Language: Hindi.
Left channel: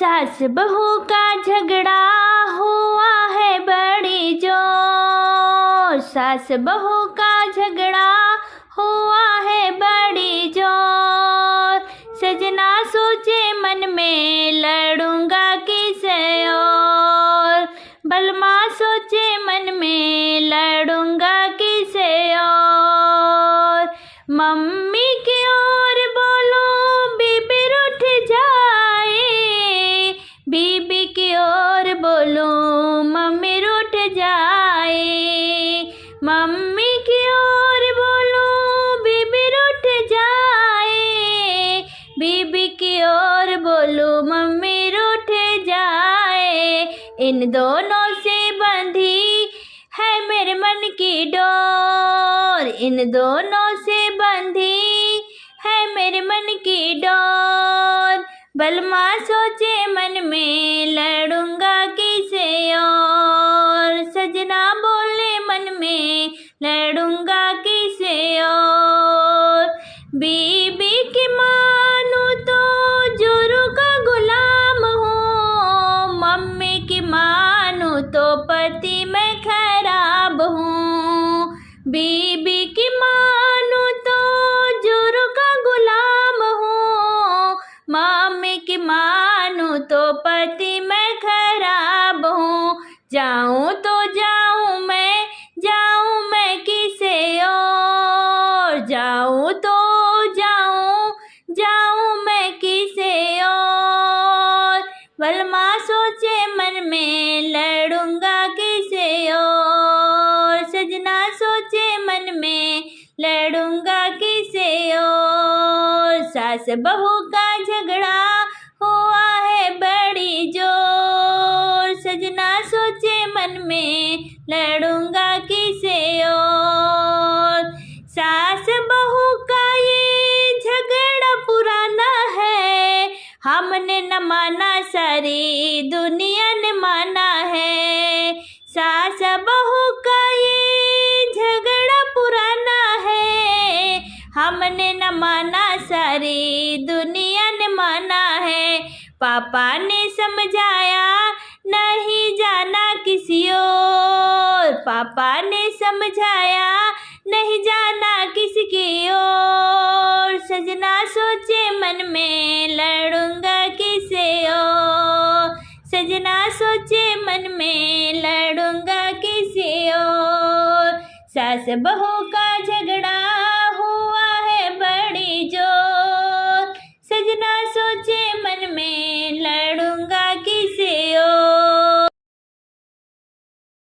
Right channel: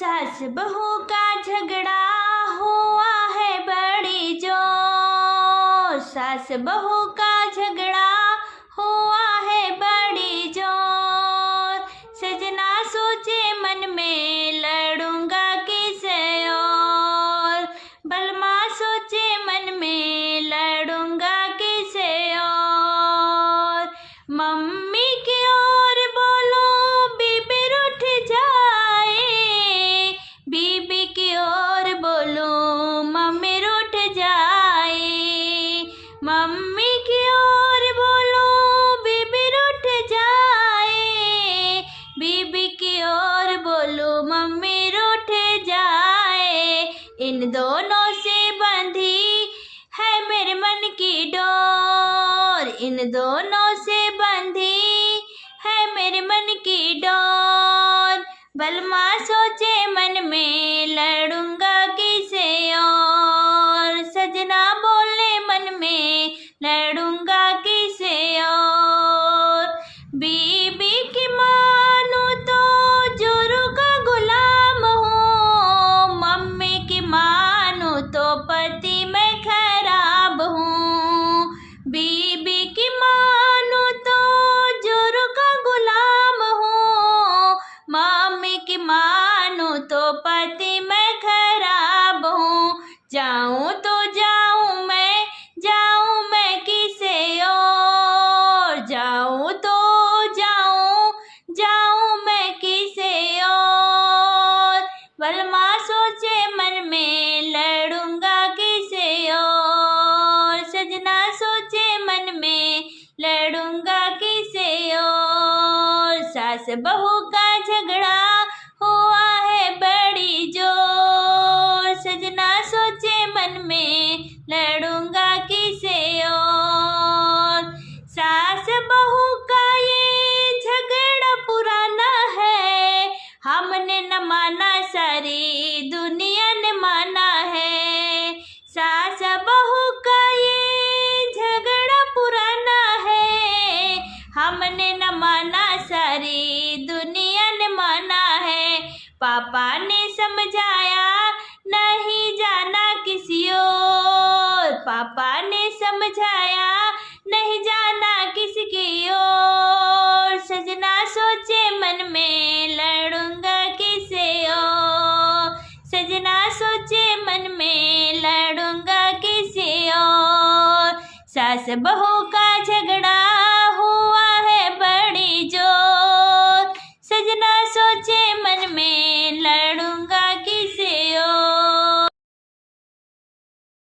सास बहू का झगड़ा हुआ है बड़ी जोर। सास बहू का झगड़ा हुआ है बड़ी जोर। सजना सोचे मन में लड़ूंगा किसे और। बलमा सोचे मन में लड़ूंगा किसे और। मम्मी की ओर बोलो बीबी रूठ जाए। बीबी की ओर बोलो मम्मी रूठ जाए। मम्मी की ओर बोलो बीबी रूठ जाए। बीबी की ओर बोलो मम्मी रूठ जाए। इन दोनों से बंधी है मेरे मन की डोर। इन दोनों से बंधी है मेरे मन की डोर। बलमा सोचे मन में लड़ूंगा किसे और। सजना बोले मन में लड़ूंगा किसे और। बीबी की मानू तो जोरू का गुलाम हूँ। मम्मी की मानू तो पति में खराब हूँ। बीबी की मानू तो जोरू का गुलाम हूँ। मम्मी की मानू तो पति में खराब हूँ। जाऊँ तो जाऊँ मैं किसे और। जाऊँ तो जाऊँ मैं किसे और। बलमा सोचे मन में लड़ूंगा किसे और। सजना सोचे मन में लड़ूंगा किसे और। सास बहू का झगड़ा हुआ है बड़ी जोर। सजना सोचे मन में लड़ूंगा किसे और। सास बहू का ये झगड़ा पुराना है। हमने न माना सारी दुनिया ने माना है। सास बहू का ये झगड़ा पुराना है। हमने न माना सारी दुनिया ने माना है। पापा ने समझाया नहीं जाना किसी और। पापा ने समझाया नहीं जाना किसी की ओर। सजना सोचे मन में लड़ूंगा किसे और। सजना सोचे मन में लड़ूंगा किसे और। सास बहू का झगड़ा हुआ है बड़ी जोर। सजना सोचे